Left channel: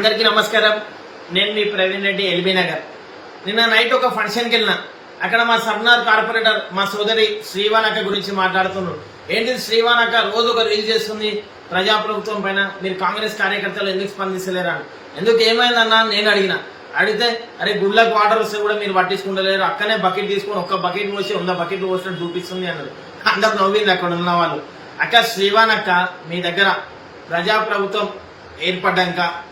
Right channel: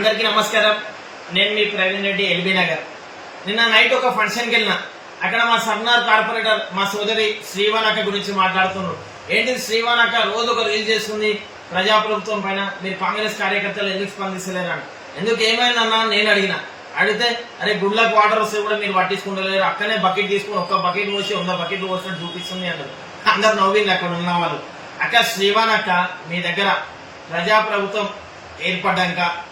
అందరికీ నమస్కారం. నేను మీ ప్రవీణ్ రెడ్డి ఎల్బీ నగర్. నిన్న నైట్ ఒక ఫంక్షన్కి వెళ్ళిన. అక్కడ మా సబ్నార్ కార్పొరేటర్ మా సోదరి శ్రీవానక్క గురించి మాట్లాడుతున్నాడు ఏంటి శ్రీవానక్క రోజు ఒక రీల్ చేస్తుంది ప్రజాప్రభుత్వం పైన. మీరు కాంగ్రెస్ కార్యకర్తలు ఎందుకు స్పందిస్తలేరు అని. ఎందుకు ఏమైందన్నా నేను అడిగిన. అడిగితే అరే గుళ్ళకు వాటర్ వస్తే కూడా మీరు పట్టించుకుంటలేరు. అక్కనే బకెట్ తీసుకుని ఒక్క బకెట్ పోసి వంద బకెట్లు పోసినట్టు చూపిస్తుంది అన్నారు. అందరు నవ్వింది అక్కడ ఉన్న వాళ్ళు. అక్క శ్రీవానక్క మీ దగ్గర ప్రజాప్రభుత్వం ఏర్పడ్డాక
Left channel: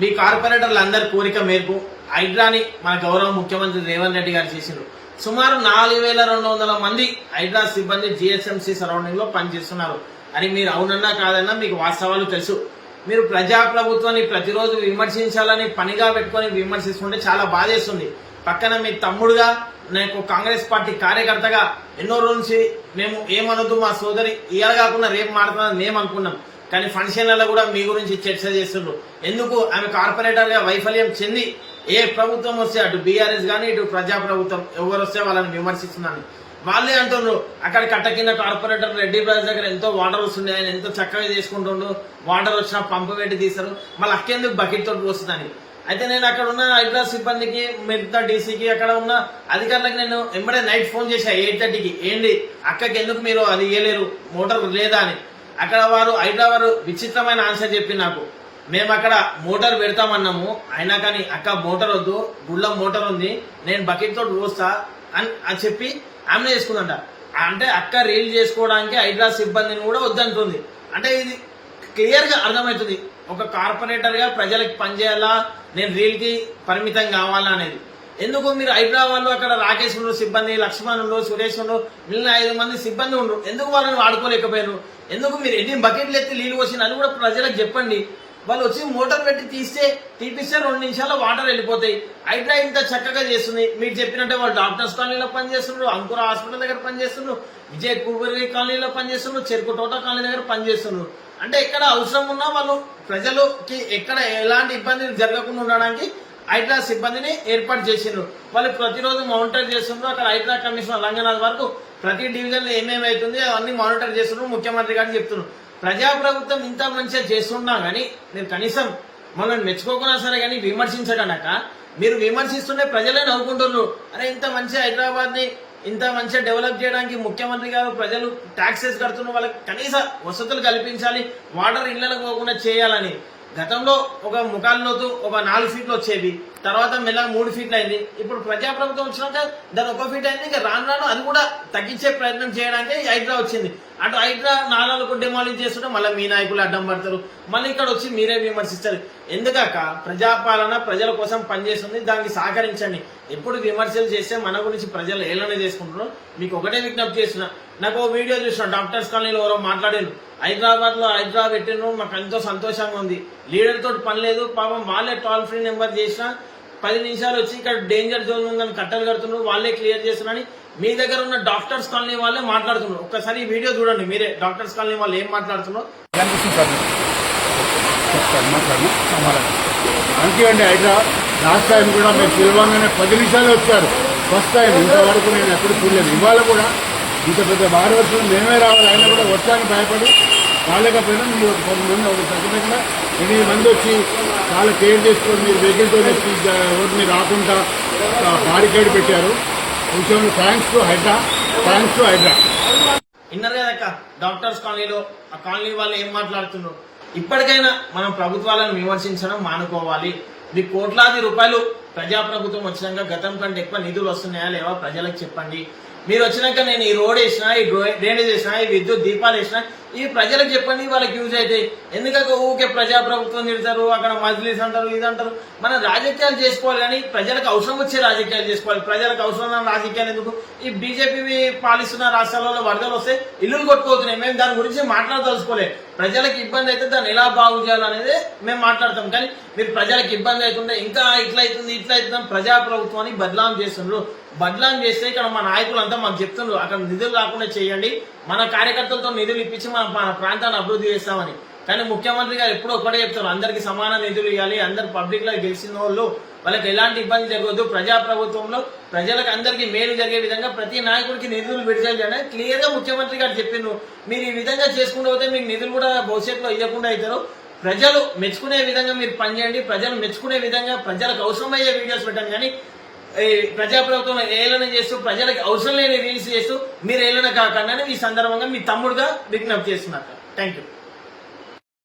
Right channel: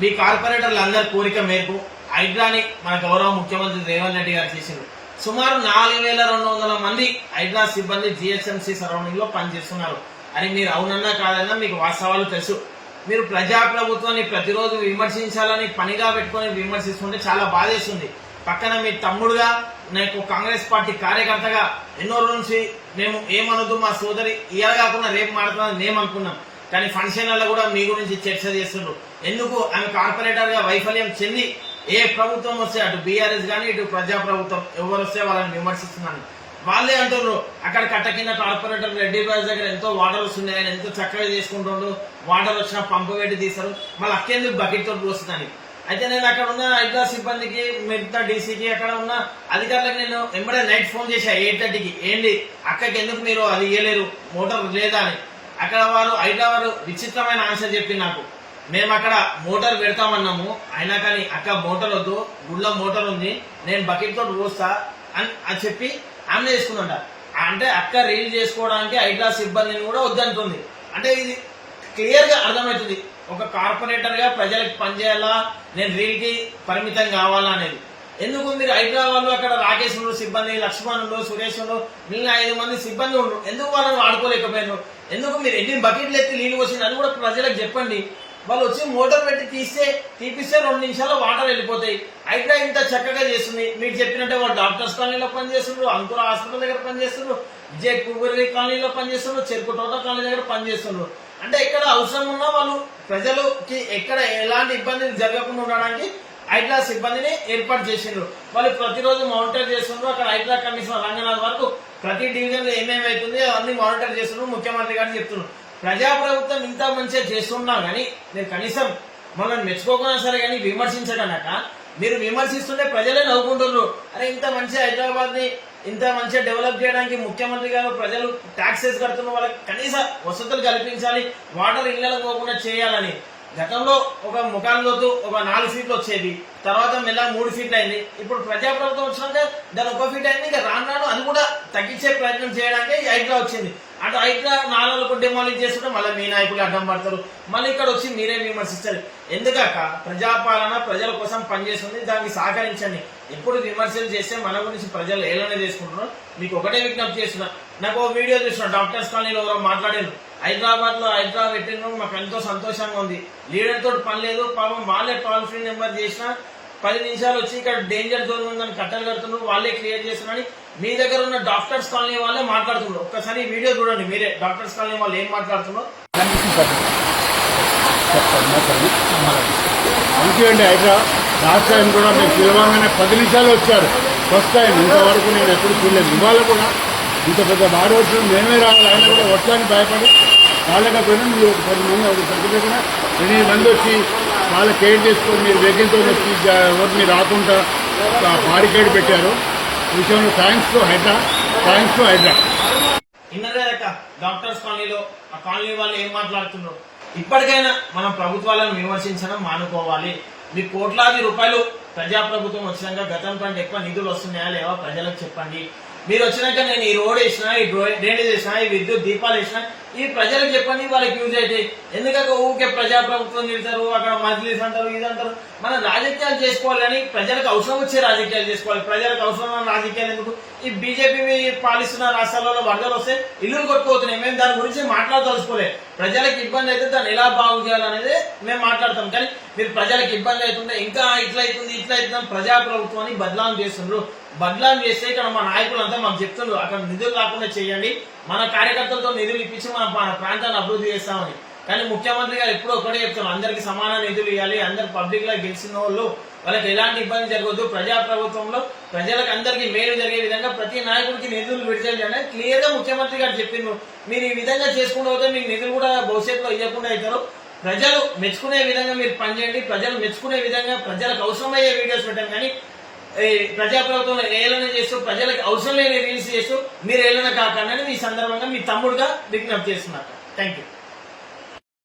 మీ కార్పొరేటర్లు అందరి కోరిక మేరకు హైడ్రాని మన గౌరవ ముఖ్యమంత్రి రేవంత్ రెడ్డి గారు చేసిండ్రు. సుమారు నాలుగు వేల రెండు వందల మంది హైడ్రా సిబ్బంది జిహెచ్ఎంసీ సరౌండింగ్లో పనిచేస్తున్నారు. అని మీరు అవునన్నా కాదన్నా మీకు వాస్తవాలు తెలుసు. మీరు ప్రజాప్రభుత్వాన్ని ప్రతిరోజు విమర్శించాలని పనిగా పెట్టుకొని విమర్శిస్తుంటే చాలా బాధేస్తుంది. పక్కన మీ తమ్ముడుగా నాకు కాంగ్రెస్ పార్టీ కార్యకర్తగా ఎన్నో రోజు నుంచి మేము ఏమనొద్దు మా సోదరి ఇవాళ కాకుండా రేపు మాట్లాడుతున్నది మేము అనుకున్నాం. కానీ ఫంక్షన్లలో కూడా మీ గురించి చర్చ చేస్తుండ్రు. ఎందుకు? ఆమె కార్పొరేటర్గా వైఫల్యం చెంది ఏ ప్రభుత్వం వస్తే అటు బీఆర్ఎస్ కానీ ఇటు ప్రజా ప్రభుత్వం ఎవరు వస్తే వాళ్ళని విమర్శిస్తున్నాను. వాళ్ళే అంటున్నారు అక్కడ కట్ట కింద కార్పొరేటర్ రెడ్డి బ్యాస్ దగ్గర ఎంతో వాటర్ వస్తుంది ఆయన ఎంతో చక్కగా చేసుకుంటుండు వాటర్ వచ్చిన పంపు పెట్టి తీస్తారు. మళ్ళీ అక్కేందుకు బకెట్ తోటి పోస్తుందని. అయితే నేను అక్కడ ఉన్న హైదరాబాద్ సిబ్బందికి మిగతా డీసీకి అక్కడ ఉన్న అధికారులకు నేను ఎంబడే నైట్ ఫోన్ చేశా ఎయిట్ థర్టీకి. ఏంటి అక్కకి ఎందుకు మీరు అది ఇయ్యలేరు? మోటార్ లేదా అని. అక్కడ వారు హైదరాబాద్ విచిత్రమైన ఆన్సర్ చెప్పింది నాకు. మేము అక్కడ మోటార్ పెడతామన్నాము. అయినా కానీ అక్క మోటార్ వద్దు. గుళ్ళ మోటార్ ఉంది. నేను బకెట్ తోటి పోస్తా అని అని చెప్పి ఆమె చేసుకుందంట అంటే అక్క రీల్ చేసుకోవడానికి హైదరాబాద్ సిబ్బందిని కూడా వద్దంటుంది అంటే ఇది క్లియర్గా అర్థమవుతుంది. ఒక కార్పొరేటర్గా ప్రజలకు పనిచేయాలా? నేను రీల్కి పరిమితం కావాలా అనేది. ఎందుకు మీరు హైదరాబాద్లో అక్కడ రాకేష్ ఉండు సిబ్బంది లక్ష్మణ్ ఉండు సురేష్ ఉండు మిగిలిన ఐదు మంది సిబ్బంది ఉండు ఎందుకు వాళ్ళని వాడుకోలేకపోయారు ఎందుకు మీరు ఎన్ని బకెట్లు ఎత్తి నీళ్ళు పోసిన అది కూడా ప్రజలకు చెప్పండి. వాళ్ళు వచ్చి మోటార్ పెట్టి తీస్తే తీపిస్తే రెండు నిమిషాల్లో వాటర్ వెళ్ళిపోతాయి. హైడ్రా ఇంత చక్కగా చేస్తుంది. మీరు చెప్పినట్టే వాళ్ళు డాక్టర్స్ కాలనీలో పనిచేస్తున్నారు అంకుర హాస్పిటల్ దగ్గర పనిచేస్తున్నారు విజయ్ కుబరి కాలనీలో పనిచేస్తున్నారు చెరుకు తోట కాలనీ దగ్గర పనిచేస్తున్నారు అంటే ఎక్కడ అవసరం ఉన్నా వాళ్ళు ప్రజలకి ఎక్కడ ఎలాంటి ఇబ్బంది జరగకుండా ఉండడానికి హైడ్రా సిబ్బందిని ఏర్పాటు చేసిండ్రు. వాళ్ళు ప్రతిరోజు మానిటర్ చేస్తున్నారు అక్కడ హైడ్రా కమిషనర్ రంగనాథ్ వరకు ప్రతి డివిజన్లో ఏమేమి అవుతుంది అవన్నీ మానిటర్ చేస్తున్నారు ముఖ్యమంత్రి గారిని చెప్తున్నారు ప్రజాప్రభుత్వం ఇంత మంచిగా చేస్తున్నా కానీ నేను కనీసం మనం మెచ్చుకోకున్నా సరే కానీ విమర్శించగనక మీరు విమర్శిస్తుంటే ప్రజలే నవ్వుకుంటున్నారు అరే ఇంత మంచిగా హైదరాబాద్ని ఇంత మంచిగా డెవలప్ చేయడానికి ముఖ్యమంత్రి గారు ప్రజలు ట్యాక్సెస్ కడుతున్న వాళ్ళకి కనీస వసతులు కల్పించాలి వాటర్ ఇళ్ళకు పోకుండా చేయాలని. గతంలో ఒక ముఖాల్లోతు ఒక నాలుగు సీట్లు వచ్చేది తర్వాత మెల్ల మూడు సీట్లు అయింది. ఇప్పుడు ప్రజాప్రభుత్వం వచ్చినాక దాని ఒక ఫీట్ అయింది ఇంకా రాను రాను అది కూడా తగ్గించే ప్రయత్నం చేయడానికి హైడ్రా వచ్చింది. అటు హైడ్రా నాలుగు డిమాలిజ్ చేస్తుంటే మళ్ళీ మీ నాయకులు అడ్డం పడతారు. మళ్ళీ ఇక్కడ వచ్చి మీరే విమర్శిస్తారు. ఎందుకాక ప్రజాపాలన ప్రజల కోసం పనిచేస్తుంది దానికి సహకరించండి. ఎప్పుడు విమర్శలు చేస్తే మన గురించి ప్రజలు ఏలనే చేసుకుంటున్నారు. మీకు ఒకటే విజ్ఞప్తి చేస్తున్నా. నాకు ఓ వీడియో చూసిన డాక్టర్స్ కాలనీలో ఎవరో మాట్లాడారు హైదరాబాద్లో హైదరాబాద్ పెట్టిన మాకు ఎంతో సంతోషంగా ఉంది. లీడర్ తోటి పని లేదు పాపం వాళ్ళే టోల్ ఫ్రీ నెంబర్ చేసినా పది నిమిషాలు వచ్చి ఇక్కడ డేంజర్ జోన్ ఉందని కట్టలు కడుతున్నారు వాళ్ళే క్లియర్ చేస్తున్నారని మీ దగ్గర ఉన్న డాక్టర్స్ కాలనీ వాళ్ళే మాట్లాడుతున్నారు. ఒక్కసారి వీడియో చూడండి మీరే డాక్టర్స్ కాలనీ వాళ్ళు ఏం మాట్లాడుతున్నారు. మంచి అండి హైదరాబాద్ లాస్ట్ టైం కూడా మీరు పిలవంగానే పది నిమిషాలు వచ్చారు. ఫస్ట్ టైం ఇంతవరకు నేను ఎప్పుడు చూడలేదు. ఇవాళ కూడా ఇంత పెద్ద భారీ వర్షం మేమే రావాలి. ఆయన కూడా వర్షానికి భయపడి రాలేకపోయినా మీరు ఒక పది మంది ఒక పది కూడా ఎనిమిది మంది వచ్చి చాలా కేర్ చేసుకొని మీరు వెహికల్తో వచ్చి ఎవరిని రాకుండా బారికేడ్ పెట్టారు. విషయంలో thanks to Hydra thanks to Hydra. విన్నారు కదక్క డాక్టర్స్ కాలనీలో ఆ కాలనీ వాళ్ళు ఏం మాట్లాడుతున్నారు? ఇప్పటికైనా మనం ప్రభుత్వాలను విమర్శించడం మానుకోవాలి. మీ కోట్లాది రూపాయలు ప్రజాప్రభుత్వం వచ్చినాక గతం కంటే ఎక్కువ నిధులు వస్తున్నాయా లేవా? ప్రజలకు చెప్పండి. మీరు వచ్చినాక నేను ఈ రోడ్ వేసిన ఈ డ్రైనేజ్ వేసిన ఈ విద్యుత్ దీపాలు వేసిన ఈ ప్రజలకు చెప్పండి వాళ్ళకి యూజ్ అయితే. ఎందుకంటే ఊకే ప్రజాప్రభుత్వం తిడతారు అక్కడ మజ్లీస్ అంటారు ఇది అంటారు. మనం రాజకీయాలు చేసుకోవాలి కానీ ప్రజలకు అవసరం వచ్చే రాజకీయాలు చేసుకోవాలి. ప్రజలకు అవసరం లేని రాజకీయాలు ఎందుకు? ఈ బీజేపీ పాలిస్తున్న రాష్ట్రాలలో వరదలు వస్తే ఇల్లులు కొట్టుకోతున్నాయి మేము దాని గురించి మాట్లాడదలుచుకోలే. ప్రజలకు ఇబ్బంది అయితే దాన్ని ఎలా బాగు చేయాలనేది మేము మాట్లాడతాం. కానీ మీరు ప్రజలకు ఇబ్బంది అవుతుంటే ఇంకా ఇట్లా అవుతుంది ఇట్లా అవుతుంది ప్రజాప్రభుత్వాన్ని బదలాం చేస్తున్నారు బదలాం చేస్తే ఇక్కడ మా నాయకులంతా మాకు చెప్తున్నారు అక్కడ నిధులు రాకుండా చేయండి. మన కార్యకర్తలతో నిధులు ఇప్పించి మన మన ప్రాంతాన్ని అభివృద్ధి చేస్తామని. కానీ ముఖ్యమంత్రి గారు ఎప్పుడూ ఒకటే చెప్తున్నారు. అందరికీ సమాన నిధులు ఇవ్వాలి అందరు పబ్లిక్లో గెలిచిన వాళ్ళు. వాళ్ళకి ఎలాంటి ఇబ్బంది జరగదు ప్రజాప్రభుత్వంలో ప్రజలకు అందరికీ మేలు జరిగే విధంగా ప్రతి నాయకుడికి నిధులు విడుదల చేయాలని ముఖ్యమంత్రి గారు చెప్పిండ్రు. మీరు ఈ విధంగా చేసుకుంటూ పోతే మీకు నిధులు కూడా భవిష్యత్తులో ఇవ్వకుండా అవుతారు. ప్రజలు మెచ్చుకునే విధంగా మీరు పనిచేయండి. ప్రజలు మెచ్చుకునే విధంగా ప్రజలకు అవసరమయ్యే వీడియోస్ పెట్టండి. కానీ ప్రజాప్రభుత్వం ఏలన చేస్తూ ప్రజలకు అవసరం లేని రిలీజ్ చేస్తూ మీరు ఏలన కాకుండా ఈ సందర్భంగా మీ తమ్ముడుగా విజ్ఞప్తి చేస్తున్నారు. Thank you